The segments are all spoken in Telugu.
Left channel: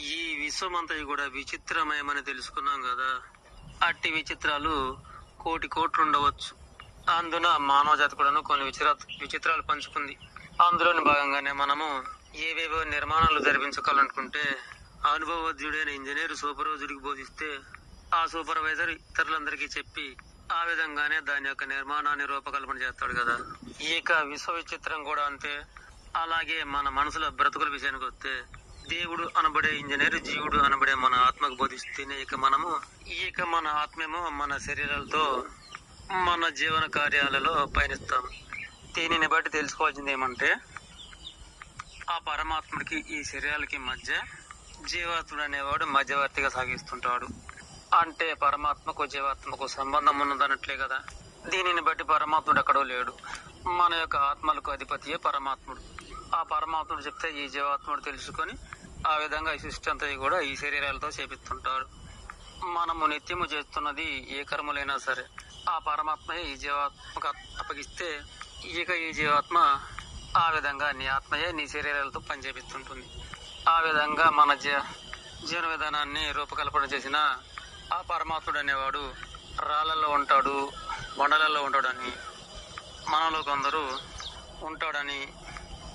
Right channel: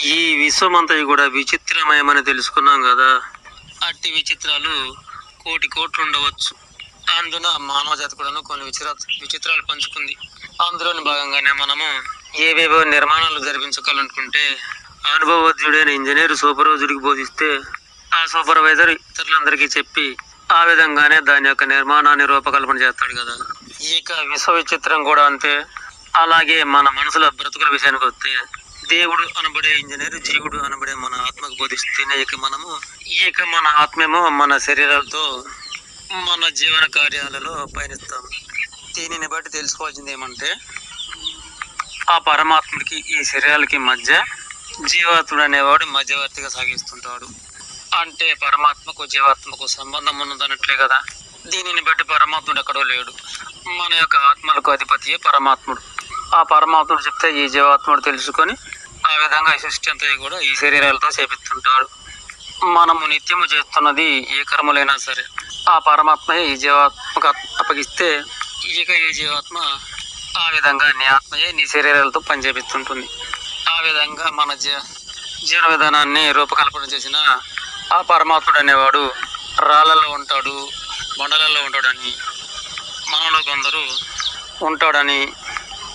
ఈ విశ్వమంతా కూడా విచిత్రమయమని తెలుసుకున్నాం కదా. అట్టి విచిత్రాలు కోటి కోట్లు ఉండవచ్చు. అందున మానవ జాతి కూడా కొన్ని విచిత్రాలు పంచుకుంది. అందులోని భాగంగానే మనము ఏవేవో నిర్మాణాలు జరిపించుకోవాలనుకుంటే అనుభవజ్ఞుడైన ఇంజనీర్ సూపర్వైజర్కి బోధిస్తే ఆ సూపర్వైజర్ ఇతరులందరికీ చెప్పి ఆ విధంగానే దాని యొక్క నిర్మాణాన్ని రూపకల్పన చేస్తాడు కదా. ఇక విశ్వ విచిత్రం కూడా అంతే. అలాగే మన మనసుల బ్రతుకుల విషయానికి వస్తే దేవుడు అనబడే ఇంజనీర్ జీవుడు అనబడే మన ఆత్మకు బోధిస్తేనే ఇక మన ఆత్మేమో మన శరీరాలతో మన జీవన కార్యాలలో పయనిస్తాము. దీనిని బట్టి తెలుసుకోవాల్సింది ఏమంటే ఆ పరమాత్మకి ఈ శరీరాలకి మధ్య జీవాత్ముడు అనేవాడు మధ్యవర్తిగా సాగిస్తుంటాడు. అంటే పరమాత్మకు జీవాత్మకు సంబంధం ఉన్నదన్నట్లే కదా. దీనిని బట్టి పరమాత్ముడు ఎక్కడో లేడు. మన యొక్క ఆత్మలకు అధిపతియే పరమాత్ముడు. ఆ పరమాత్ముడు చెప్తే ఈ జీవాత్ముడు తెలుసుకొని ఆ విధంగా సృష్టి అంతా కూడా ఈ శరీరాలతో చేపిస్తుంటాడు. మనము నిత్యము చేస్తున్నది ఏ కర్మలైనా సరే ఆ పరమాత్మయే ఈ జీవాత్మకు అప్పగిస్తే ఇక ఈ జీవాత్మ ఆ విధంగా నీ ఆత్మయే నీ శరీరాలతో పనిచేపిస్తుంటుంది. ఆ విధంగా మన జీవన విధానాన్ని రూపకల్పన చేసిన ఆ పరమాత్ముడు అనేవాడు రాళ్ళలో ఉంటాడు, బండలలో ఉంటాడని, మనలో కొందరు ఉంటాడని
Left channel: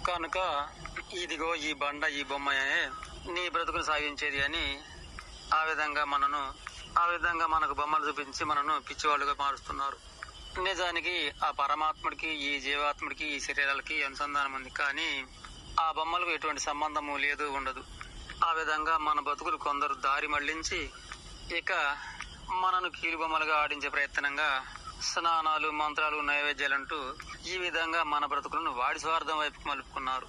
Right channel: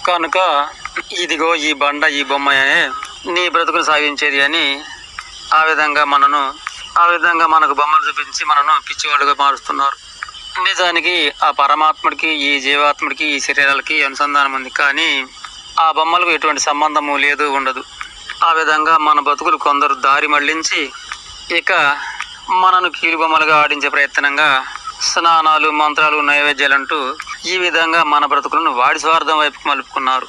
కనుక ఇదిగో ఈ బండ ఈ బొమ్మయే నీ బ్రతుకును సాగించేది అని ఆ విధంగా మనకు బొమ్మలు చూపించి మనను పిచ్చివాళ్ళుగా మారుస్తున్నారు. నిజానికి ఆ పరమాత్ముడికి ఈ జీవాత్ముడికి ఈ శరీరాలకి అనుసంధానం ఉంది, కానీ ఆ బొమ్మలకు ఎటువంటి సంబంధము లేదు, ఉండదు. ఆ విధంగా మన బతుకులు కొందరు దారి మళ్లించి ఇక మనను కీలుబొమ్మలుగా ఆడించే ప్రయత్నంగా స్నానాలు మంత్రాలు నైవేద్యాలంటూ ఈ విధంగా మన బ్రతుకులను వాడి స్వార్థం వైపుకు మలుపుకున్నారు.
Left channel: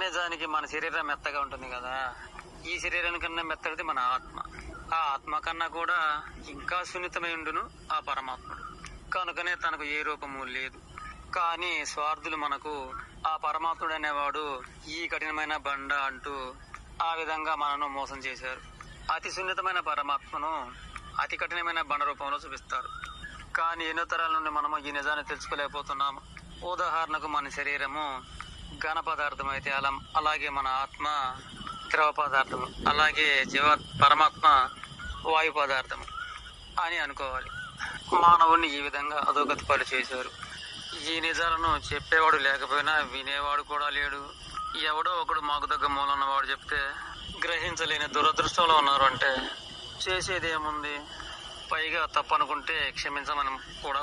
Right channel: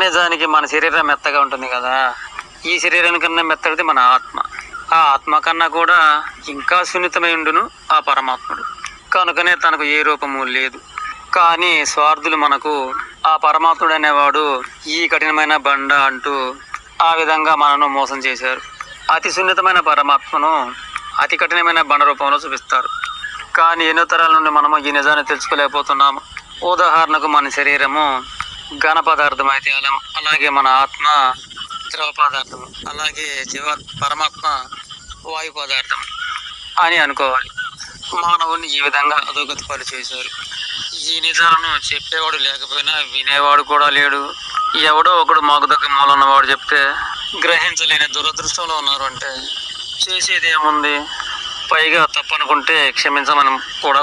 నిజానికి మన శరీరం మెత్తగా ఉంటుంది కదా. ఈ శరీరానికన్నా మెత్తడిది మన ఆత్మ. ఆ ఆత్మ కన్నా కూడా ఇంకా సున్నితమై ఉండును ఆ పరమాత్ముడు. కనుకనే తనకు ఏ రూపము లేదు. కానీ స్వార్థులు మనకు ఆ పరమాత్ముడు అనేవాడు ఈ కఠినమైన బండ అంటూ ఆ విధంగా మనను మోసం చేశారు. అతి సున్నితమైన పరమాత్మను అతి కఠినమైన బండ రూపంలో చూపిస్తారు. కానీ ఎన్నో తరాల నుండి మనము ఈ నిజాన్ని తెలుసుకోలేకపోతున్నాము. ఉదాహరణకు మన శరీరము ఘన పదార్థం అయితే అలాగే మన ఆత్మ ద్రవ పదార్థం, అలాగే పరమాత్మ వాయు పదార్థం అని అనుకోవాలి. మానవుని ఈ విధంగా అధోగతి పని చేశారు. ఈ నిజాలను చెప్పేవాడు లేకపోయినా వినేవాడు కూడా లేడు. ఎవడో ఒకడు మాకు దగ్గర మూలన్నవాడు చెప్తే గ్రహించలేని దురదృష్టంలో ఉన్నారు. అంటే చేసేది ఏముంది? పైగా తప్పనుకుంటే క్షమించమని కూడా